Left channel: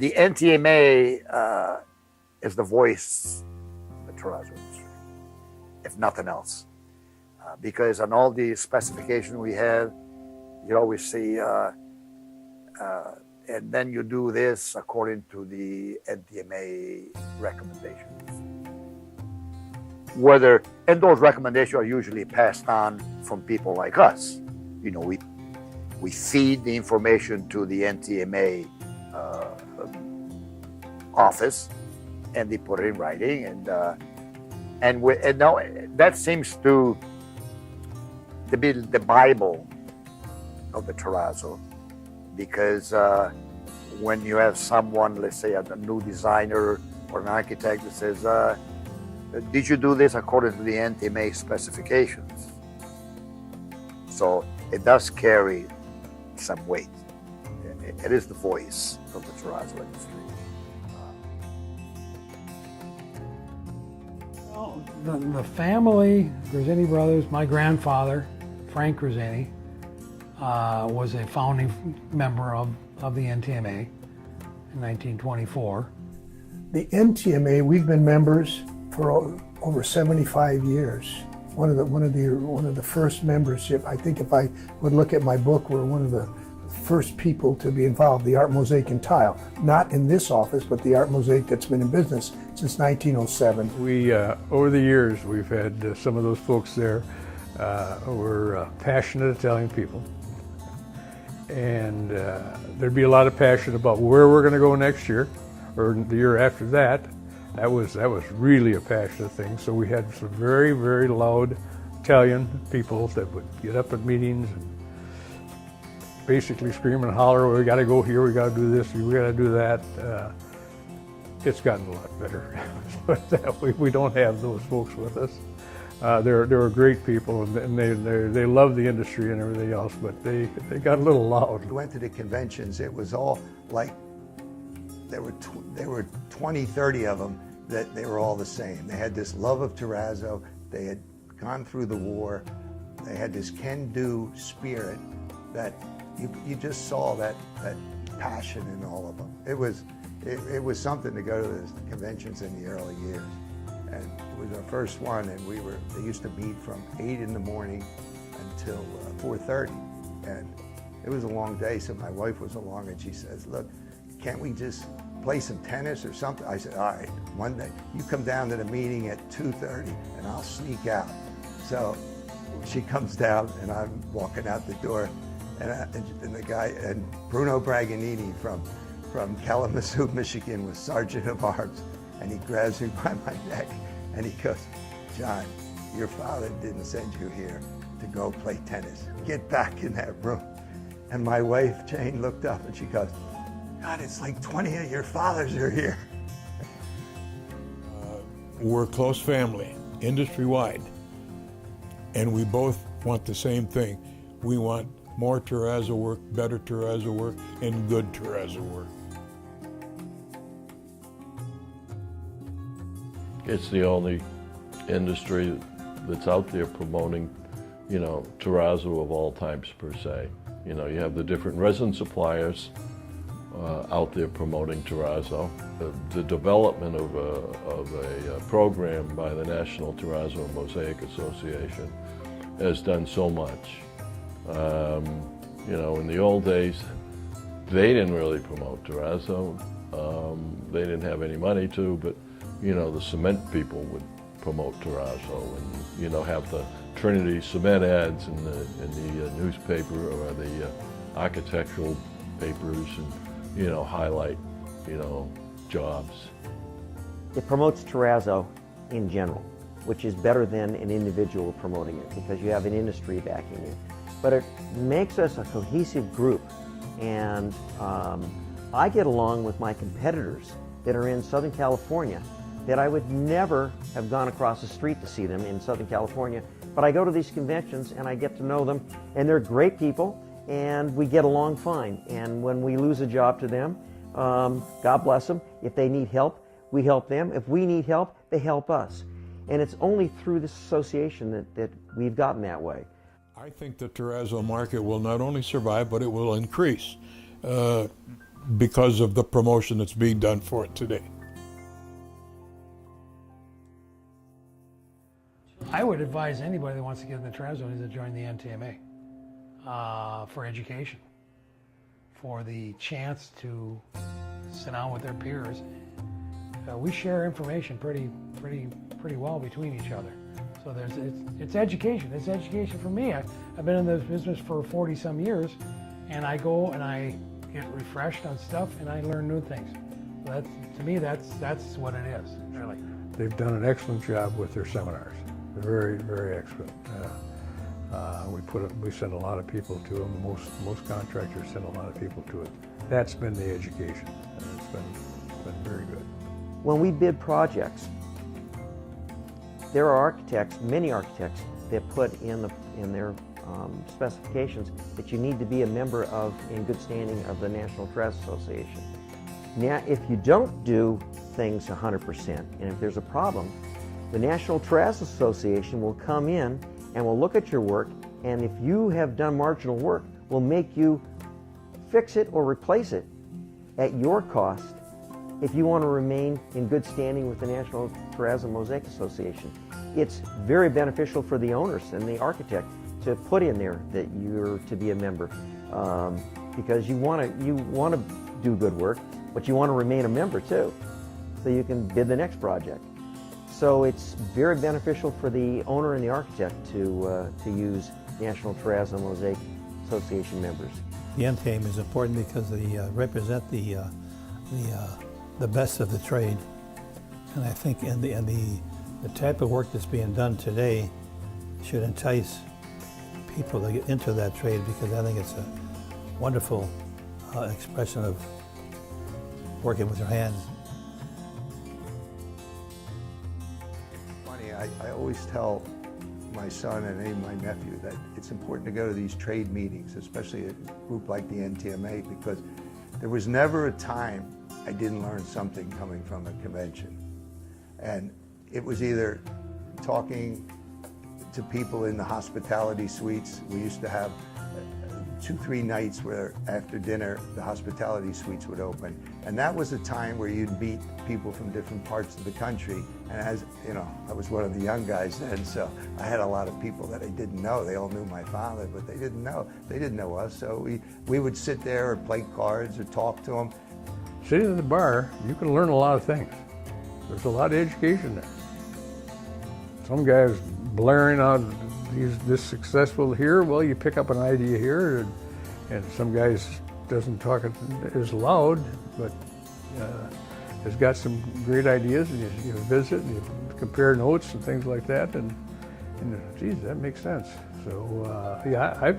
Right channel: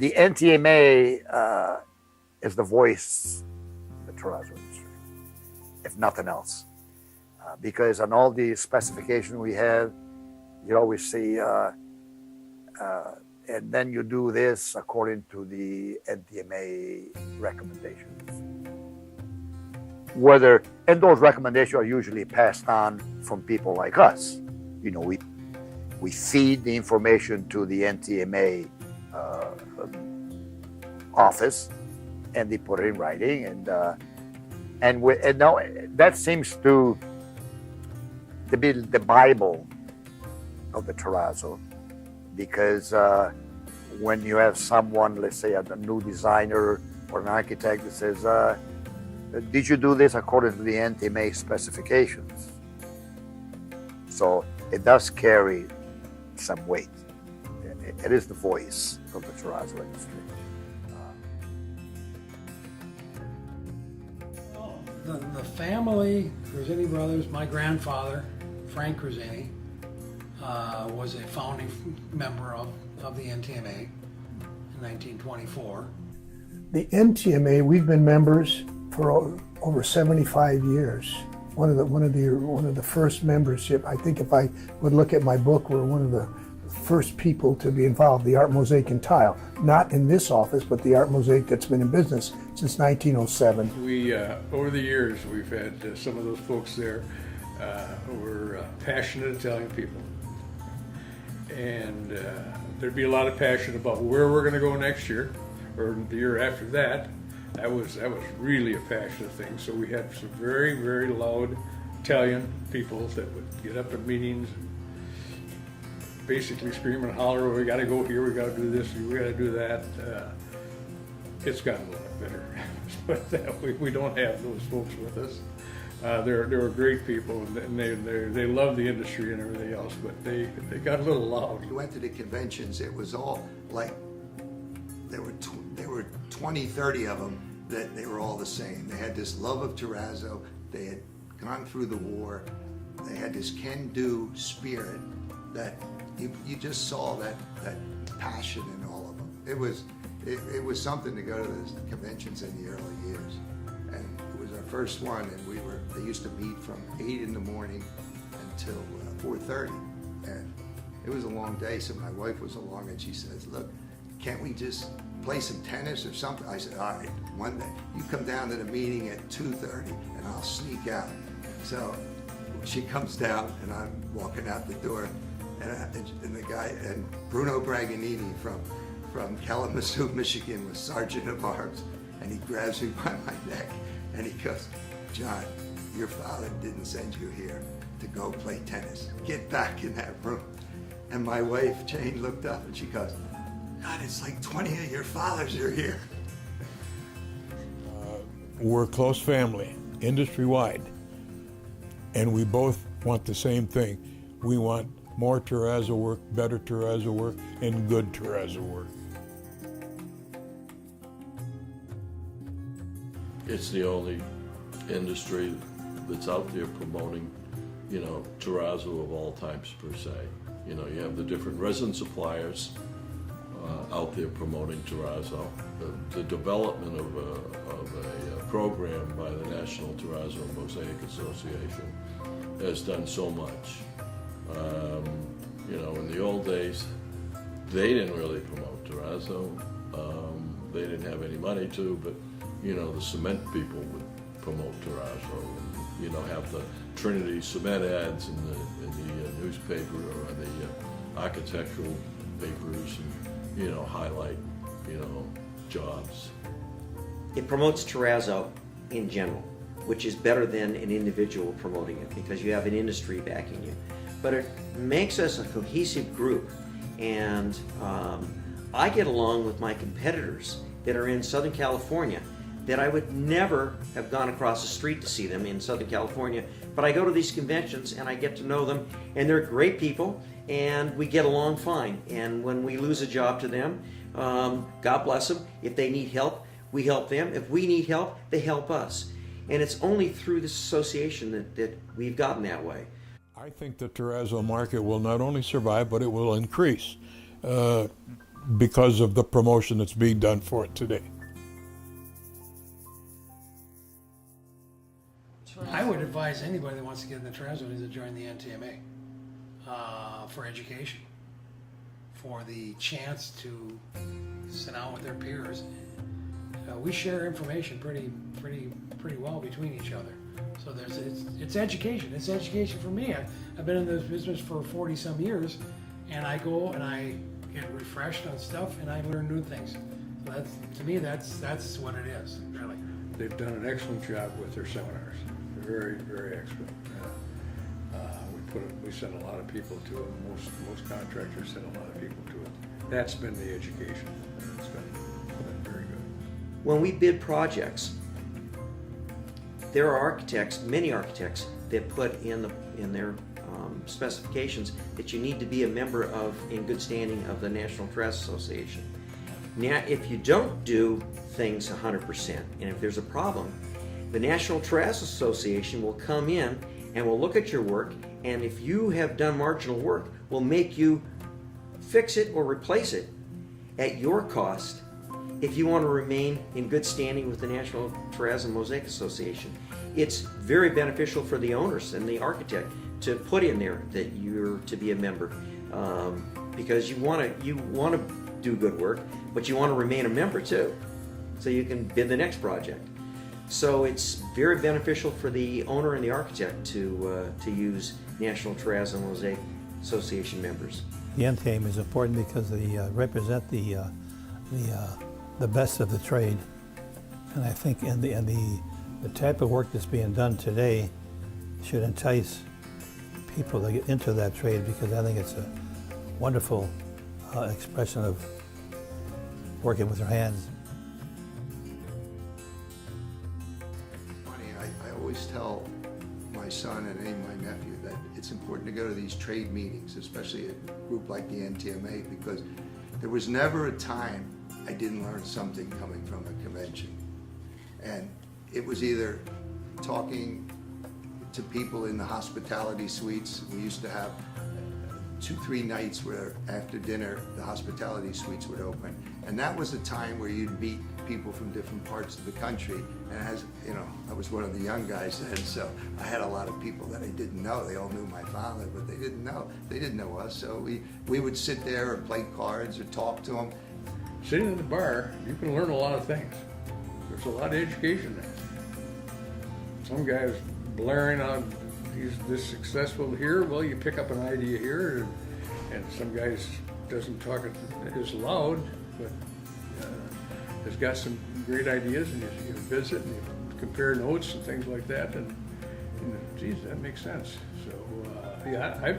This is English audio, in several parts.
The NTMA is the voice of the Terrazzo industry, if nothing else. Because on all the specifications we have, you always see, and then you do this according to the NTMA recommendations. And those recommendations are usually passed on from people like us. You know, we feed the information to the NTMA office, and they put it in writing, and now that seems to be the Bible of the Terrazzo, because when you have someone, let's say a new designer or an architect that says, did you do this according to the NTMA specifications? So it does carry some weight. It is the voice of the Terrazzo industry. The family, Grisini brothers, my grandfather, Frank Grisini, was a founding member of the NTMA in 1924. The NTMA, we've been members for over 75 years. One of the first membership. I think if I would look at my book, we're one of the first people to be involved. The art mosaic and tile, not in this office, but the art mosaic that's been in business since 1907. We over the years we've had some of those folks there who were passionate Italian people, and there'd be a lot of passion about where we're going to go next year or the year after that. That was really a passionate thing. So we had some very, very loud Italian people that would get up at meetings and basically scream and holler, well, we got to go here, we got to do this, we got to do that. It's gotten a lot better, but we don't have those folks with us. They were great people, and they love the industry and everything else, but they got a little loud. We went to the conventions, it was all like, there were 20, 30 of them that they were all the same. They had this love of Terrazzo, they had gone through the war, they had this can-do spirit that you just saw that passion in all of them. It was something to go to the conventions in the early years. And it was our first one, and they used to meet from 8 in the morning until 4:30. And it was a long day, so my wife was along and she says, look, can't we just play some tennis or something? I said, all right, one day, you come down to the meeting at 2:30 and I'll sneak out. So she comes down and I'm walking out the door, and the guy, and Bruno Braganini from Kalamazoo, Michigan, was Sergeant of Arms, and he grabs me by my neck and he goes, John, your father didn't send you here to go play tennis. Get back in that room. And my wife, Jane, looked up and she goes, God, it's like 20 of your fathers are here. We're a close family, industry-wide, and we both want the same thing. We want more Terrazzo work, better Terrazzo work, and good Terrazzo work. It's the only industry that's out there promoting, Terrazzo of all types per se. You have the different resin suppliers out there promoting Terrazzo. The development of a program by the National Terrazzo Mosaic Association has done so much. In the old days, they didn't really promote Terrazzo. They didn't have any money to, but the cement people would promote Terrazzo and have the Trinity cement ads in the newspaper or the architectural papers, and highlight jobs. It promotes Terrazzo in general, which is better than an individual promoting it because you have an industry backing you. But it makes us a cohesive group, and I get along with my competitors that are in Southern California that I would never have gone across the street to see them in Southern California, but I go to these conventions and I get to know them, and they're great people, and we get along fine. And when we lose a job to them, God bless them. If they need help, we help them. If we need help, they help us. And it's only through this association that we've gotten that way. I think the Terrazzo market will not only survive, but it will increase. because of the promotion that's being done for it today. I would advise anybody that wants to get in the Terrazzo to join the NTMA for education, for the chance to sit down with their peers. We share information pretty well between each other. So it's education. It's education for me. I've been in this business for 40 some years, and I go and I get refreshed on stuff and I learn new things. So to me, that's what it is, really. They've done an excellent job with their seminars. Very, very excellent. We send a lot of people to them. Most contractors send a lot of people to it. That's been the education. It's been very good. When we bid projects, there are architects, many architects, that put in their specifications that you need to be a member of, in good standing, of the National Terrazzo Association. Now, if you don't do things 100%, and if there's a problem, the National Terrazzo Association will come in and will look at your work, and if you have done marginal work, will make you fix it or replace it at your cost if you want to remain in good standing with the National Terrazzo Mosaic Association. It's very beneficial for the owners and the architect to put in there that you're to be a member, because you want to do good work, but you want to remain a member too, so you can bid the next project. So it's very beneficial for the owner and the architect to use National Terrazzo Mosaic Association members. The NTMA is important because they represent the best of the trade, and I think the type of work that's being done today should entice people to get into that trade, because I think it's a wonderful expression of working with your hands. Funny, I always tell my son and even my nephew that it's important to go to these trade meetings, especially a group like the NTMA, because there was never a time I didn't learn something coming from a convention. And it was either talking to people in the hospitality suites. We used to have 2-3 nights where after dinner the hospitality suites would open, and that was a time where you'd meet people from different parts of the country. And as you know, I was one of the young guys then, so I had a lot of people that I didn't know. They all knew my father, but they didn't know us. So we would sit there or play cards or talk to them. Sitting in the bar, you can learn a lot of things. There's a lot of education there. Some guys blaring out, he's this successful here. Well, you pick up an idea here, and some guys doesn't talk it as loud, but has got some great ideas, and you visit and you compare notes and things like that, and geez, that makes sense. So yeah,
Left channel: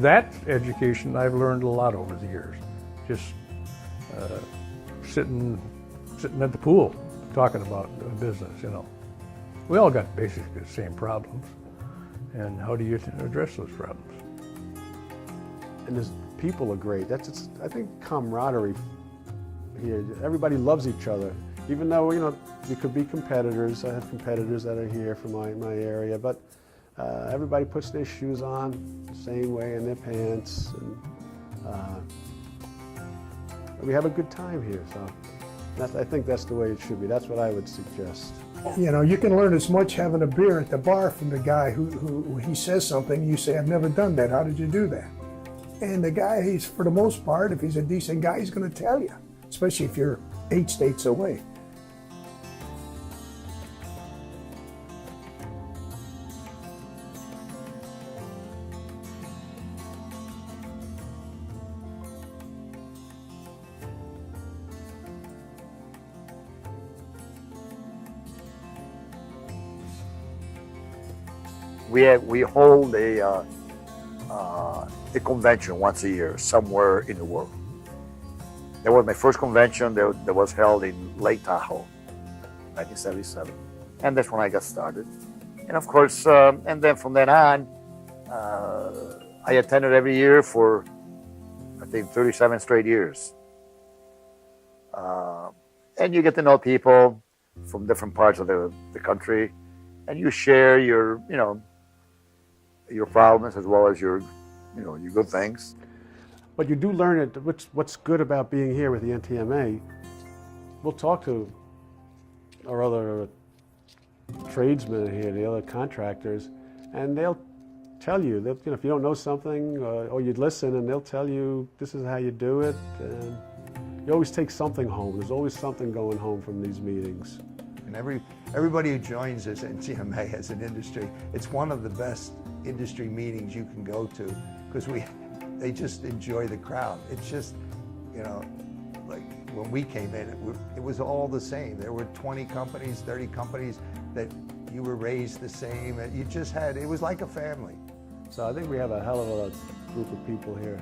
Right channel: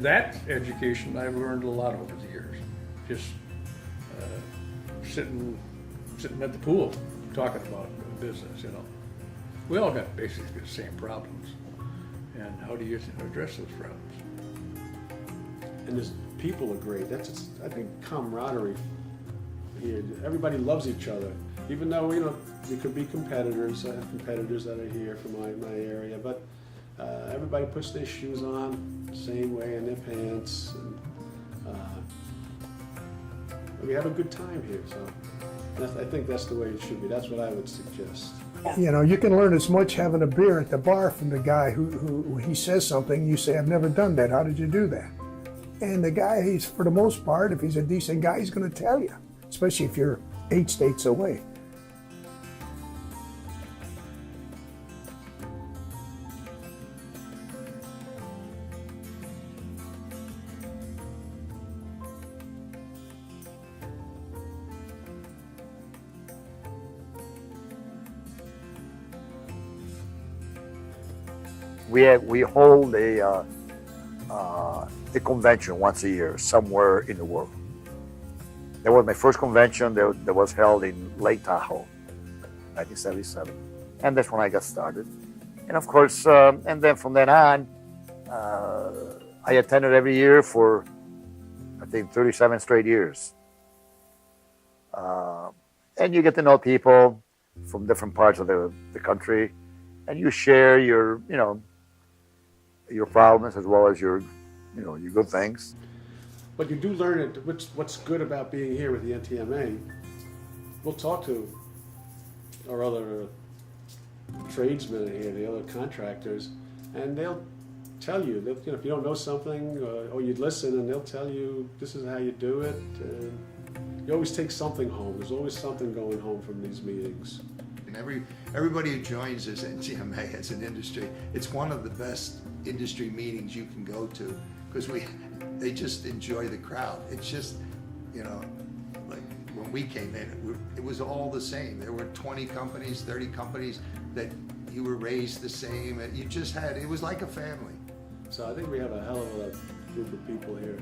that education I've learned a lot over the years. Just sitting at the pool talking about the business, you know. We all got basically the same problems, and how do you address those problems? And his people are great. That's I think camaraderie. Here. Everybody loves each other, even though you could be competitors. I have competitors that are here from my area, but everybody puts their shoes on the same way and their pants, and we have a good time here. So I think that's the way it should be. That's what I would suggest. You know, you can learn as much having a beer at the bar from the guy who he says something, and you say, I've never done that. How did you do that? And the guy, he's, for the most part, if he's a decent guy, he's going to tell you, especially if you're 8 states away. We hold a convention once a year somewhere in the world. That was my first convention that was held in Lake Tahoe, 1977, and that's when I got started. And of course, and then from then on, I attended every year for I think 37 straight years. And you get to know people from different parts of the country, and you share your problems as well as your good things. But you do learn it. What's good about being here with the NTMA? We'll talk to our other tradesmen here, the other contractors, and they'll tell you that, you know, if you don't know something, or you'd listen, and they'll tell you this is how you do it. And you always take something home. There's always something going home from these meetings. And everybody who joins this NTMA as an industry, it's one of the best industry meetings you can go to, because they just enjoy the crowd. It's just, you know, like when we came in, it was all the same. There were 20 companies, 30 companies that you were raised the same, and you just had, it was like a family. So I think we have a hell of a group of people here.